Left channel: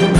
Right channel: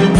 దేవరాజ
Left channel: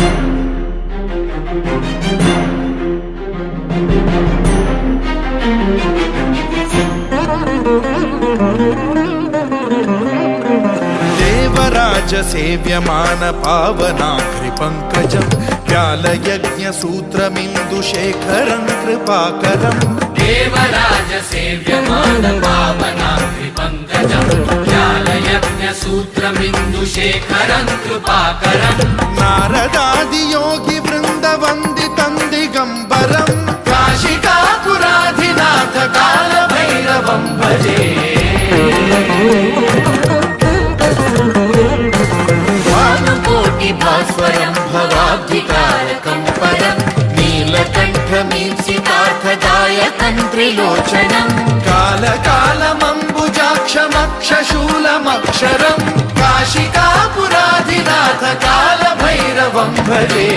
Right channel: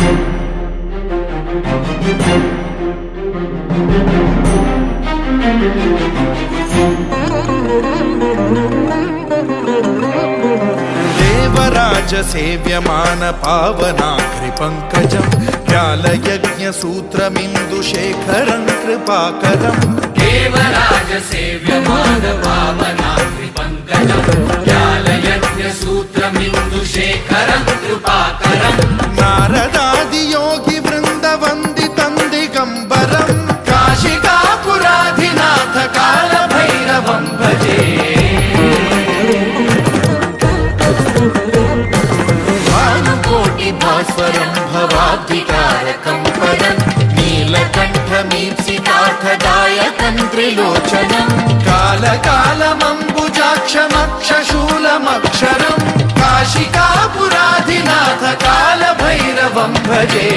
సేవ్యమాన పావనాగ్రి పంకజం వ్యాలయజ్ఞ సూత్రమిందుశేఖరం కృపాకరం. దేవరాజ సేవ్యమాన పావనాగ్రి పంకజం వ్యాలయజ్ఞ సూత్రమిందుశేఖరం కృపాకరం. నారదాది యోగి వృంద వందితం దిగంబరం కాశికాపురాధినాథ కాల భైరవం భజే. భాస్వరం భవాబ్ధితారకం పరం నీలకంఠమీప్సితార్థదాయకం త్రిలోచనం కాలకాలమంబుజాక్షమక్షశూలమక్షరం కాశికాపురాధినాథ కాల భైరవం భజే.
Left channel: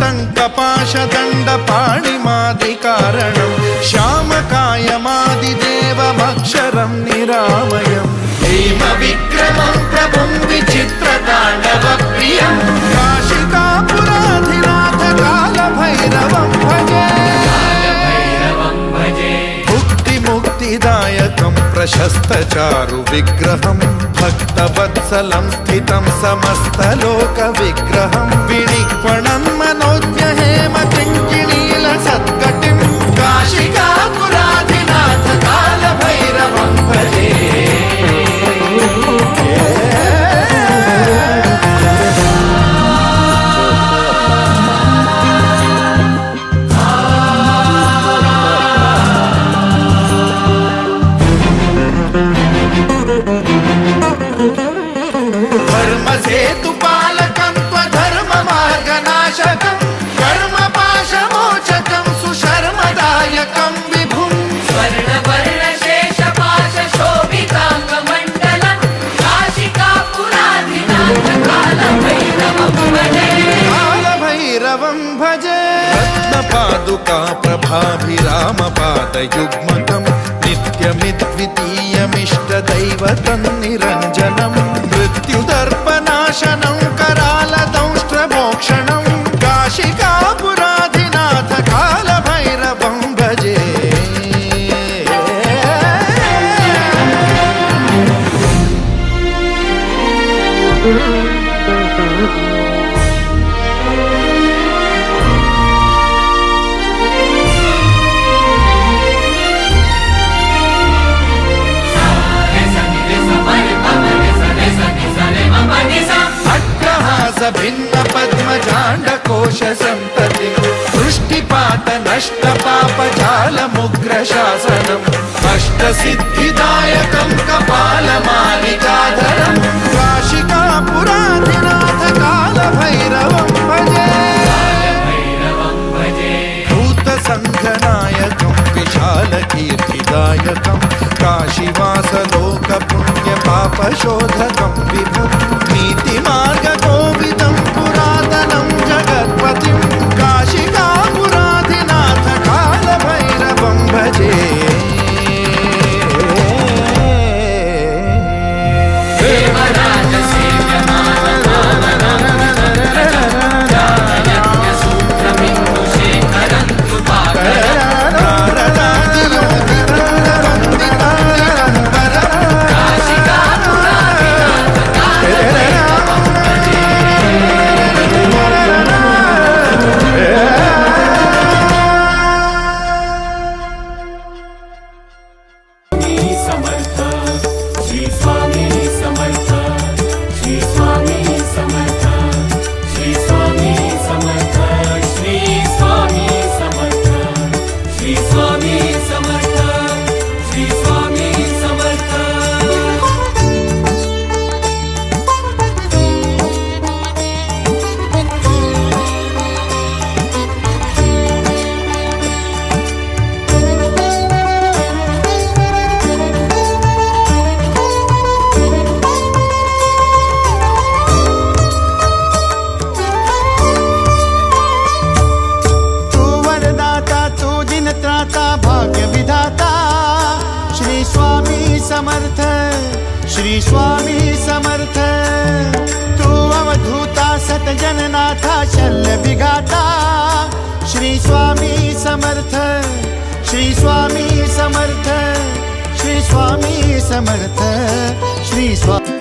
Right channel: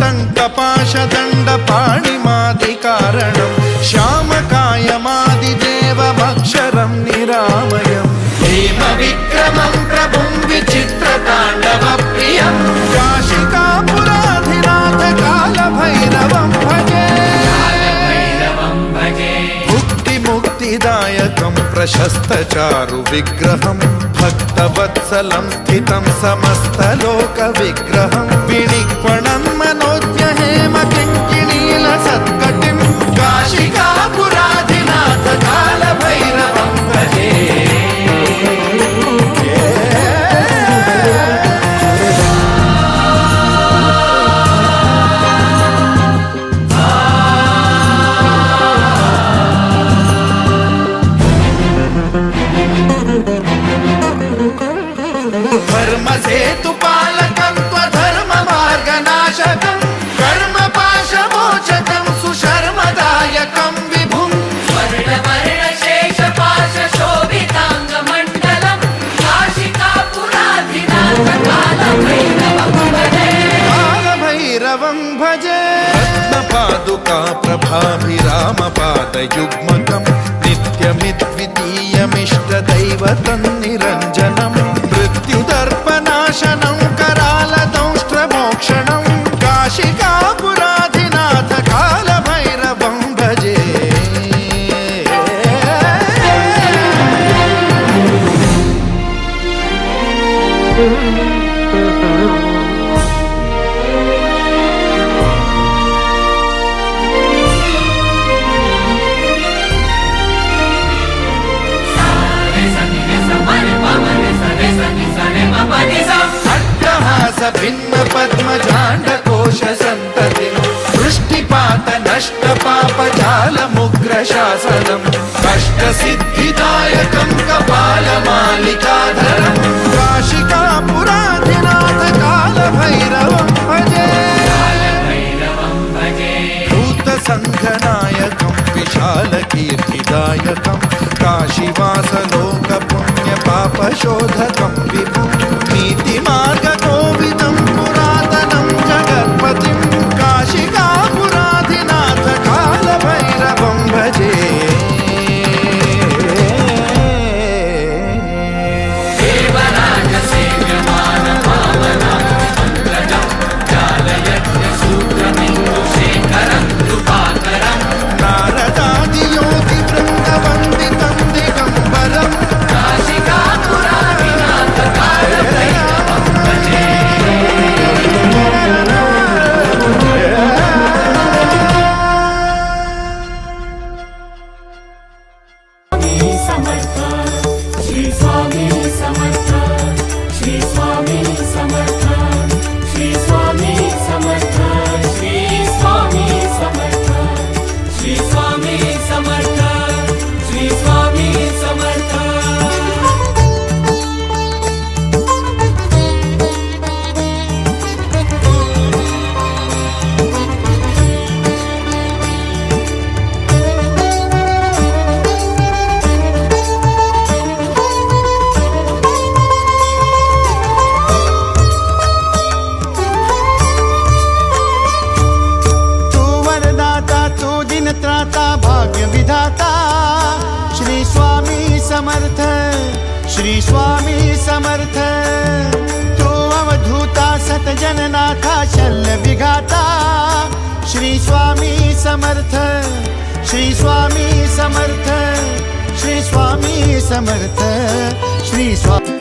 టంకపాశదండ పాణిమాదికారణం శ్యామకాయమాదిదేవమక్షరం నిరామయం హేమ విక్రమం ప్రభుం విచిత్రతాండవ ప్రియం కాశికాపురాధినాథ కాల భైరవం భజే. ముక్తిదాయకం ప్రశస్త చారు విగ్రహం భక్తవత్సలం స్థితం సమస్తలోక విగ్రహం విణిక్వణం మనోజ్ఞ హేమ కింకిణీల సత్కటిం కాశికాపురాధినాథ కాల భైరవం భజే. ధర్మసేతుపాలకం త్వధర్మ మార్గనాశకం కర్మపాశమోచకం సుశర్మదాయకం విభుం కాల భైరవం భజే. రత్నపాదుకా ప్రభాభిరామపాదయుగ్మకం నిత్యమిద్వితీయమిష్టదైవతం నిరంజనం మృత్యుదర్పనాశనం करालदंष्ट्रमोक्षणं काशिकापुराधिनाथ कालभैरवं भजे. भिन्न पद्मजाण्डकोश संततिं वृष्टिपात नष्ट पापजालमुग्र शासनम् अष्टसिद्धिदायकं कपालमालिकाधरं काशिकापुराधिनाथ कालभैरवं भजे. भूतसङ्घनायकं विशालकीर्तिदायकं काशीवासलोकपुण्यपापशोधकं विभुं नीतिमार्गकोविदं पुरातनं जगत्पतिं काशिकापुराधिनाथ कालभैरवं भजे. त्राता भाग्य विधाता श्री स्वामी समर्थ, श्री स्वामी समर्थ। तू अवधूता सतजननाथा शल्य विघाता श्री स्वामी समर्थ, श्री स्वामी समर्थ, श्री स्वामी समर्थ, श्री स्वामी